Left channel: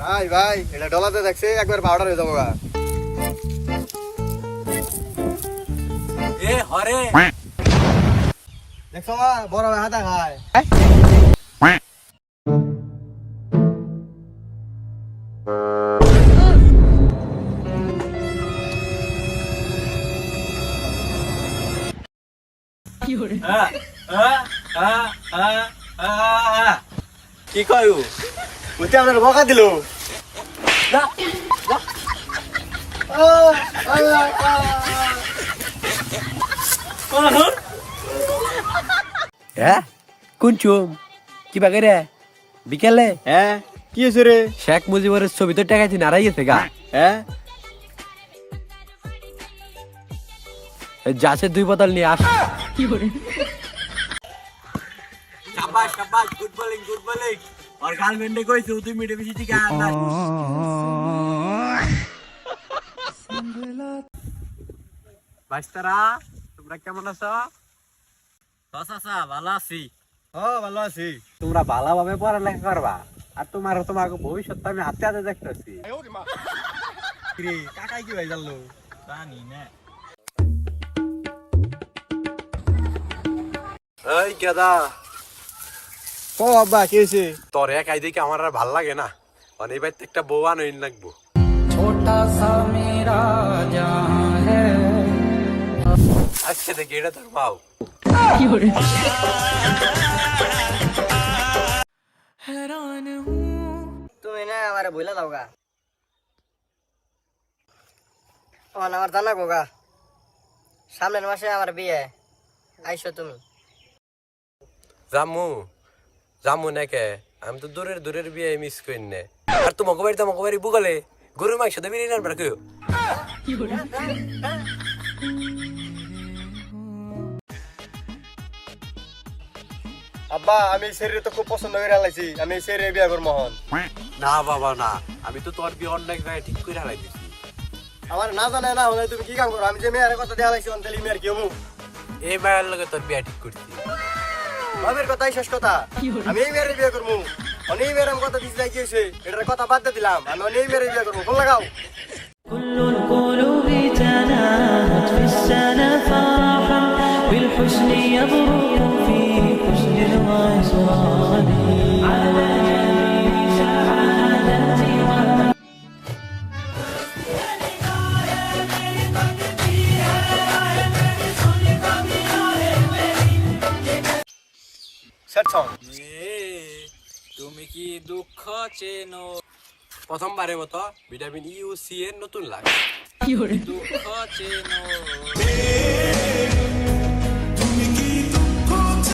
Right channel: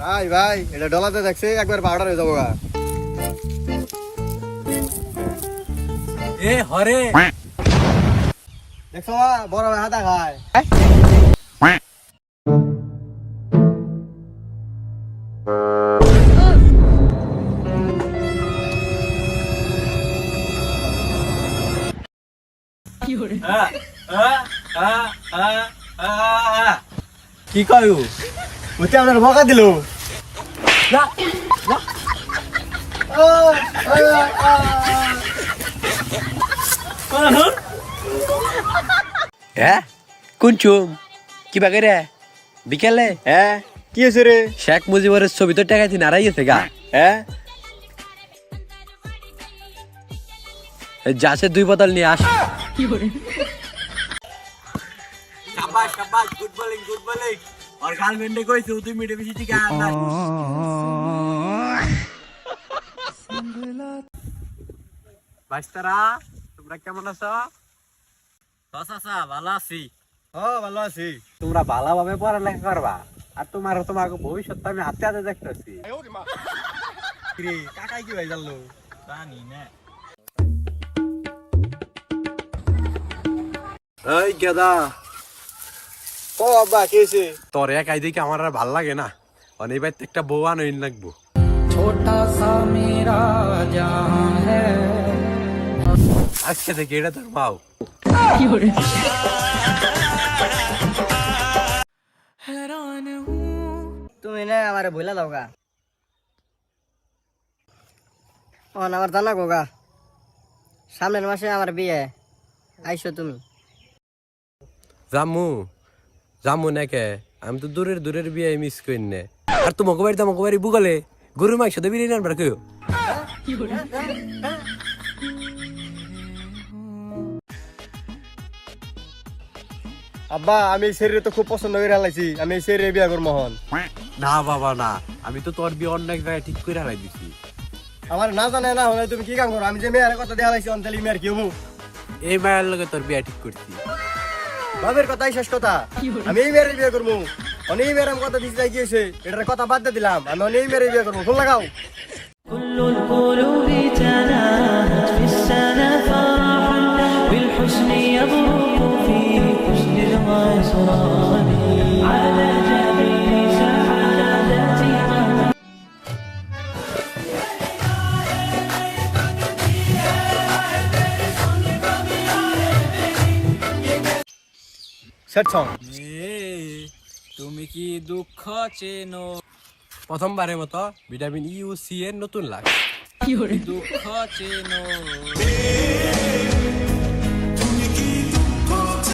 ভাই ভাই এটা ডলাতে দেখছে একবার পাউডার হয়ে যাবো গা। এ হরে দেখছো বড় হাতা খায়। কি কয়ু বুঝতে আপনার ভকা দিল। হ্যাঁ কুনচুম কি বাগে রে বিকেলে হ্যাঁ কি হয়েছে রে? শেখ মুজিবের ছবি তো টাকাইছি নারাই গেছে গা। হ্যাঁ যাচ্ছে 2 বোতল নিয়ে আস। শাবাশ শাবাশ গুড বোলিং গুড বোলিং আর গার্লফ্রেন্ডে কইছে 2 মিনিটে বেশি ঠিক আছে না বাইস্তারা তোমরা কেমন আছো? চাচা ভালো আছি। ও ভালো আছি। তোমরা ভালোভাবে পড়ালেখা করবা আর তোমাকে ভবিষ্যৎ আমি হাতে হাতে দেখতেছি। রে কাকাই কি ভাই জানলো? জানি না এই গেদা ও আব্বা কি হয়েছে? তোর একাই দেখে আমার আর ভাল লাগে না, অনেক বাইতে একটা বউ আনইন লাগবো। छोटा सा मेरा जहां है আজকে থেকে এটা তোর মাও। हैरान हूँ তুমি না আমারে বইলা দাও গা। আমার জানা গো গা, সামনের মাসে আমার বিয়ে, আইসো তুমি। জামু জামু নাকে আমি তো দূরের দূরের বিয়ে মিস করি না। আর তোমাকে বাড়ি বুকালে গরুর মাংস দিয়ে বিরিয়ানি আনবার কেউ। আব্বা আমি এই শরীরে তো খুব পছন্দ করে হালাইছি, আমি এই শরীরে বিয়া করবো মোহন। না বাবা না, আমি তো তোর বিয়ে অন্য এক জায়গায় ঠিক করে হারাই দিছি। আমার না জানে না হলে তুমি কি কাম করো? আমি যে মেয়ের কথা দিয়ে হালাইছি অন্তলি মেয়ের কি হবো? এই মায়ের লগে তোর বিয়ে ঠিক করছি। বাবের কথাই শেষ কথা। আমি এই মেয়ের বিয়ে করবো। অনেক মেয়ের আমি কথা দিতে চাই কি হয়েছে, এটার কথা বাদ দিয়ে দিলাম। আমি অনেক মেয়ের বিয়ে করবো। ফোন লাগাও। كل القلوب تناهت في السنة فرحا بالحسن يبرق في حسن الغسران على جميل سعادتها সেট সং। তুমি কি দুঃখ চেনো? প্রথমবারের মতো ভিটামিন ইউ সি এর নতুন লাগ। দুঃখ চেনো